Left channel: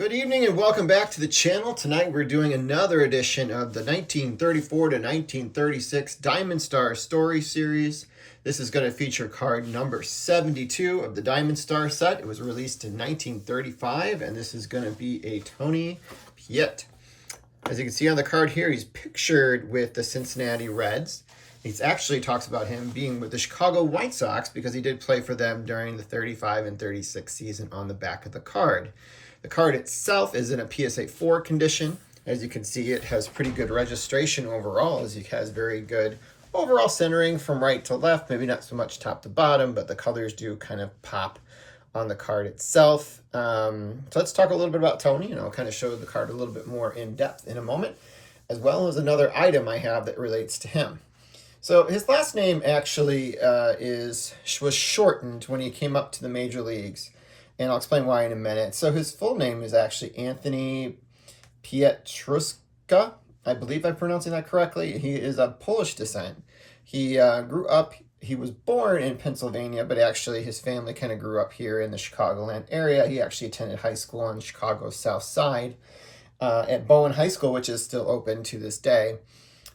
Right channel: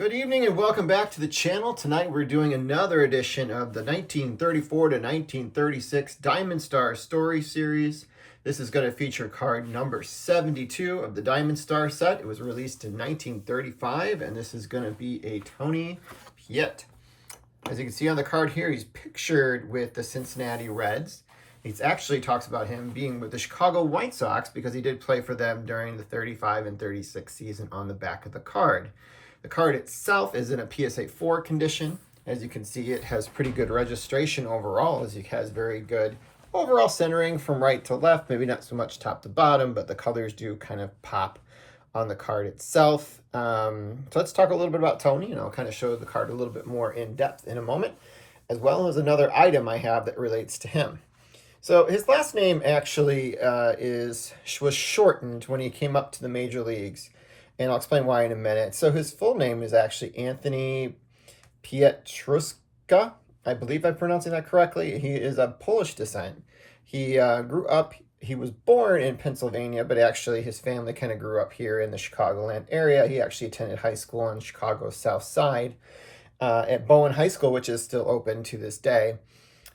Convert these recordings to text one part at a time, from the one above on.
Good evening and welcome back to the channel. Tonight we're doing another edition of the 1934 to 1936 Diamond Star Story Series. This is going to feature card number 72 of the Diamond Star set. It was released in 1935 and this is going to be a Tony Piet. As you can see on the card here, he's pictured with the Cincinnati Reds. He actually talks about him being with the Chicago White Sox because he did play for them during the 35 and 36 season on the back of the card. The card itself is in a PSA 4 condition. As you can see, it has pretty good registration overall, as it has very good overall centering from right to left. Maybe not so much top to bottom, but the colors do kind of pop on the card itself. So let's talk a little bit about Tony, and I'll kind of show the card a little bit more in depth in a moment, as well as another item I have that relates to him. So his last name actually was shortened when he came up to the major leagues, and I'll explain why in a minute. So his full name is actually Anthony Pietruszka. I believe I'm pronouncing that correctly. He is of Polish descent. He was born in Pennsylvania, but actually his family kind of grew up here in the Chicagoland area. He actually attended high school on Chicago's South Side at Bowen High School, which is still open to this day.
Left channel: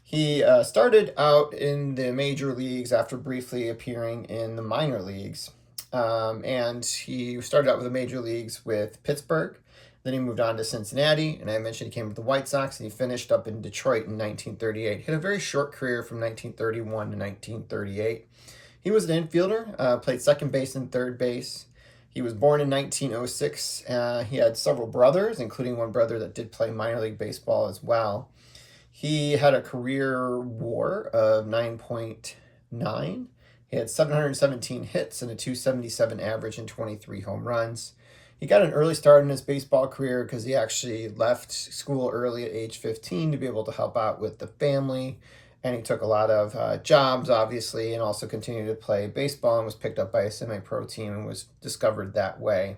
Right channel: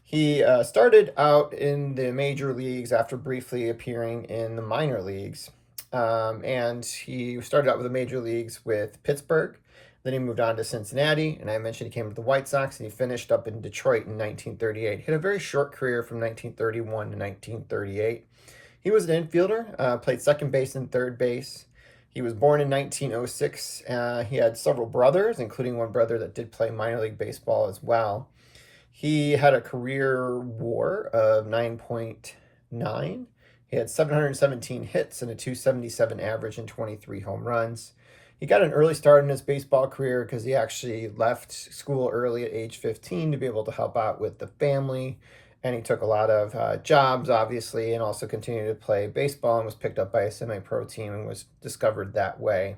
He started out in the major leagues after briefly appearing in the minor leagues. And he started out with the major leagues with Pittsburgh. Then he moved on to Cincinnati, and I mentioned he came with the White Sox, and he finished up in Detroit in 1938. He had a very short career from 1931 to 1938. He was an infielder, played second base and third base. He was born in 1906. He had several brothers, including one brother that did play minor league baseball as well. He had a career WAR of 9.9. He had 717 hits and a 277 average and 23 home runs. He got an early start in his baseball career because he actually left school early at age 15 to be able to help out with the family. And he took a lot of jobs, obviously, and also continued to play baseball and was picked up by a semi-pro team and was discovered that way.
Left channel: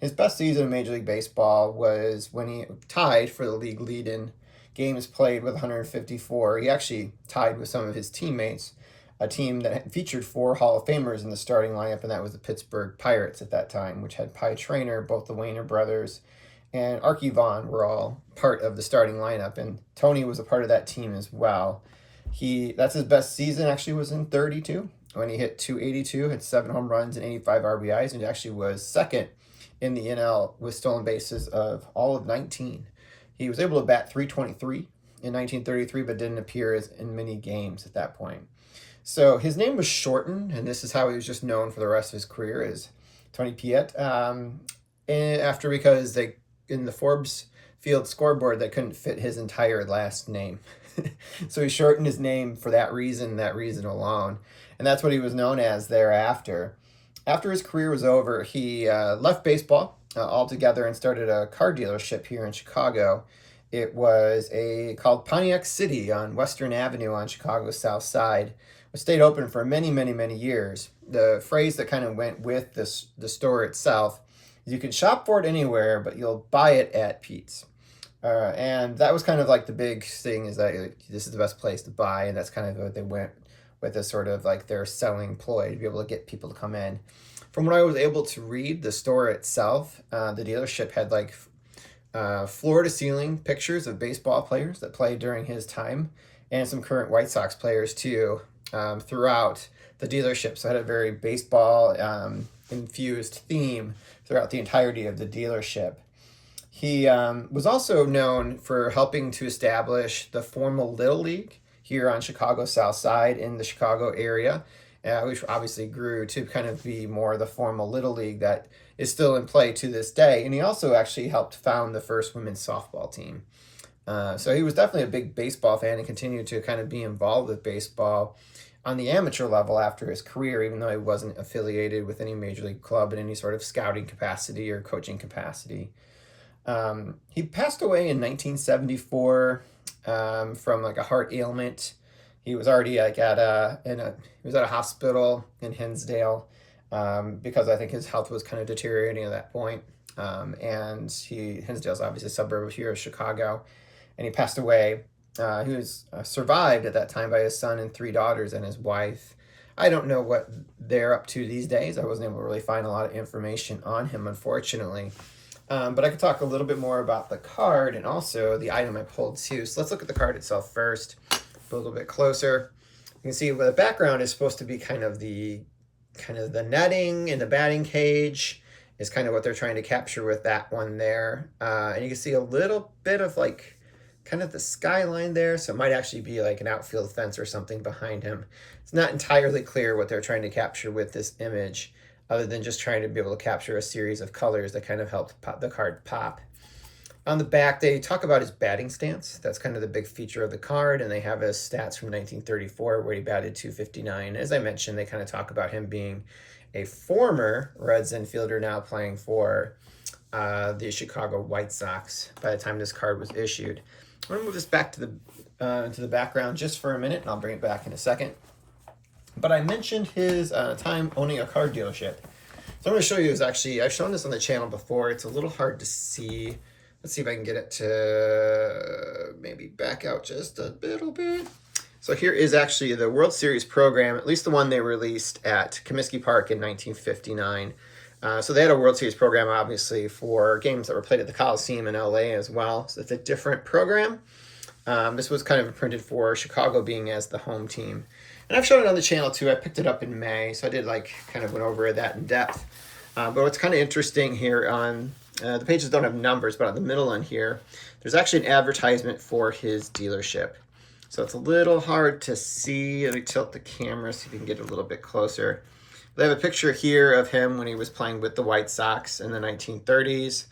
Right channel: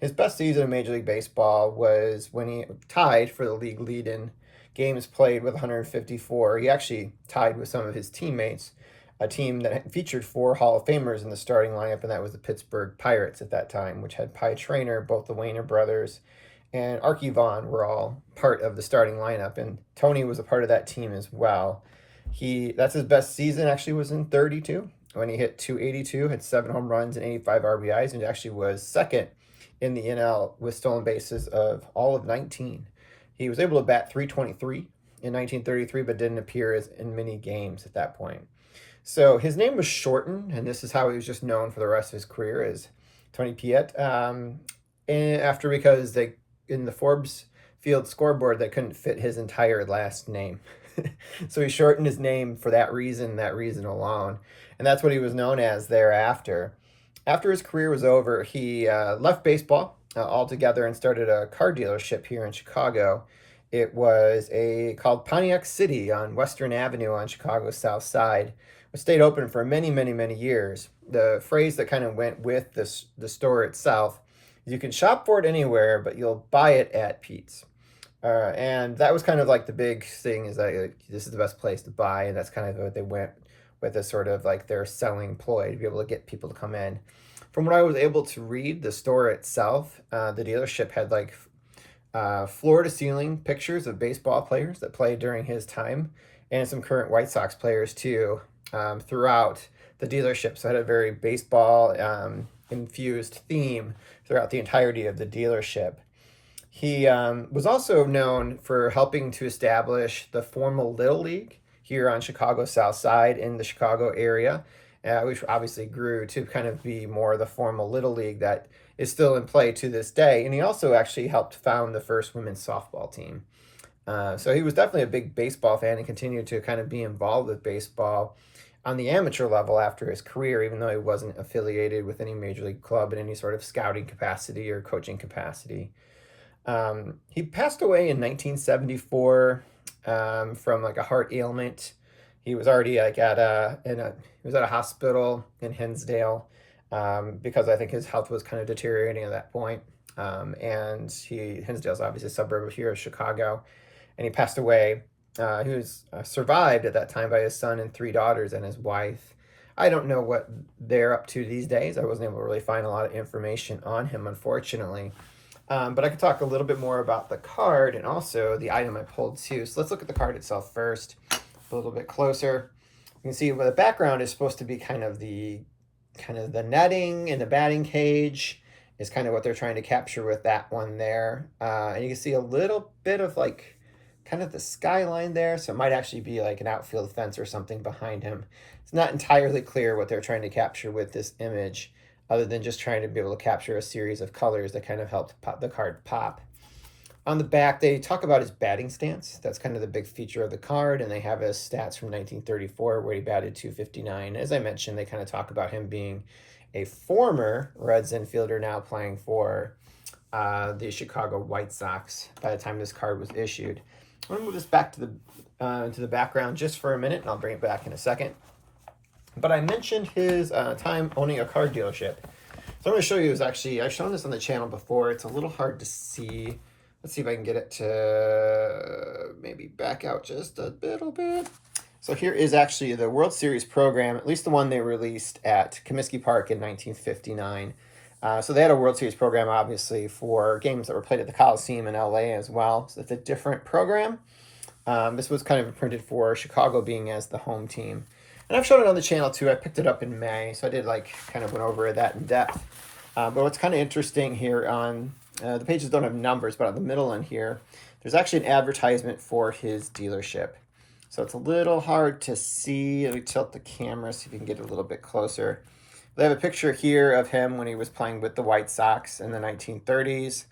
His best season in Major League Baseball was when he tied for the league lead in games played with 154. He actually tied with some of his teammates, a team that featured 4 Hall of Famers in the starting lineup, and that was the Pittsburgh Pirates at that time, which had Piet Traynor, both the Wayner brothers, and Archie Vaughan were all part of the starting lineup, and Tony was a part of that team as well. That's his best season, actually, was in 32, when he hit 282, had 7 home runs and 85 RBIs, and actually was second in the NL with stolen bases of all of 19. He was able to bat .323 in 1933, but didn't appear in many games at that point. So his name was shortened, and this is how he was just known for the rest of his career, as Tony Piet. Because in the Forbes Field scoreboard, they couldn't fit his entire last name. So he shortened his name for that reason alone. And that's what he was known as thereafter. After his career was over, he left baseball altogether and started a car dealership here in Chicago. It was called Pontiac City on Western Avenue on Chicago's South Side. It stayed open for many, many, many years. The phrase that kind of went with the store itself is you can shop for it anywhere, but you'll buy it at Piet's. And that was kind of like the big thing, is that this is the best place to buy, and that's kind of what they went with, as sort of like their selling ploy to be able to get people to come in. From what I was able to read, the store itself, the dealership had like floor-to-ceiling pictures of baseball players that played during his time, and some current White Sox players too, throughout the dealership. So it had a very baseball infused theme throughout the entirety of the dealership. He was also known for helping to establish the formal Little League here on Chicago's South Side in the Chicago area, which obviously grew to kind of be more the formal Little League that is still in play to this day. And he also actually helped found the first women's softball team. So he was definitely a big baseball fan and continued to kind of be involved with baseball on the amateur level after his career, even though he wasn't affiliated with any major league club in any sort of scouting capacity or coaching capacity. He passed away in 1974 from like a heart ailment. He was already like he was at a hospital in Hinsdale because I think his health was kind of deteriorating at that point. And Hinsdale's obviously a suburb here of Chicago, and he passed away. He was survived at that time by his son and 3 daughters and his wife. I don't know what they're up to these days. I wasn't able to really find a lot of information on him, unfortunately. But I could talk a little bit more about the card and also the item I pulled too. So let's look at the card itself first, a little bit closer. You can see the background is supposed to be kind of the netting in the batting cage is kind of what they're trying to capture with that one there. And you can see a little bit of like kind of the skyline there. So it might actually be like an outfield fence or something behind him. It's not entirely clear what they're trying to capture with this image, other than just trying to be able to capture a series of colors that kind of helped pop the card pop. On the back, they talk about his batting stance. That's kind of the big feature of the card, and they have his stats from 1934 where he batted .259. As I mentioned, they kind of talk about him being a former Reds infielder now playing for the Chicago White Sox by the time this card was issued. I'm going to move this back to the background just for a minute, and I'll bring it back in a second. But I mentioned his time owning a car dealership. So I'm going to show you I've shown this on the channel before. It's a little hard to see. Let's see if I can get it to maybe back out just a little bit. So here is actually the World Series program, at least the one they released at Comiskey Park in 1959. So they had a World Series program, obviously, for games that were played at the Coliseum in LA as well. So it's a different program. This was kind of printed for Chicago being as the home team. And I've shown it on the channel too. I picked it up in May, so I did kind of went over that in depth. But what's kind of interesting here on the pages don't have numbers, but on the middle one here, there's actually an advertisement for his dealership. So it's a little hard to see. Let me tilt the camera so you can get a little bit closer. They have a picture here of him when he was playing with the White Sox in the 1930s.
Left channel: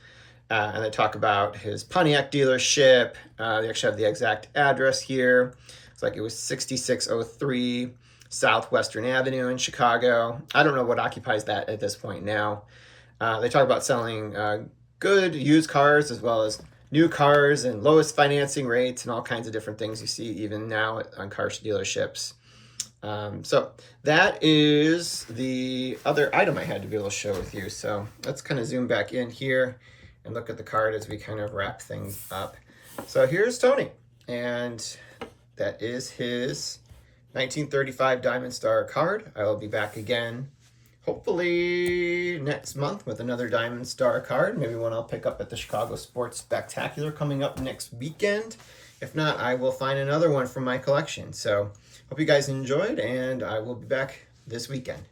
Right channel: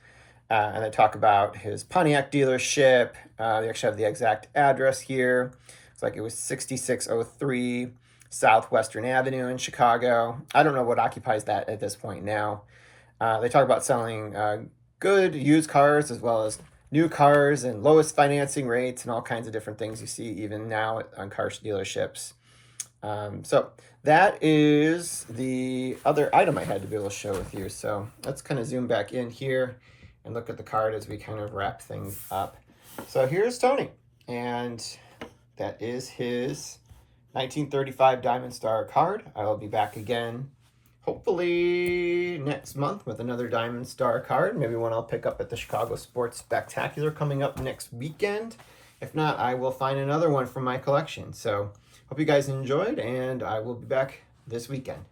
And they talk about his Pontiac dealership. They actually have the exact address here. It's like it was 6603 Southwestern Avenue in Chicago. I don't know what occupies that at this point now. They talk about selling good used cars as well as new cars and lowest financing rates and all kinds of different things you see even now on car dealerships. So that is the other item I had to be able to show with you. So let's kind of zoom back in here and look at the card as we kind of wrap things up. So here's Tony, and that is his 1935 Diamond Star card. I will be back again hopefully next month with another Diamond Star card. Maybe one I'll pick up at the Chicago Sports Spectacular coming up next weekend. If not, I will find another one from my collection. So hope you guys enjoyed, and I will be back this weekend.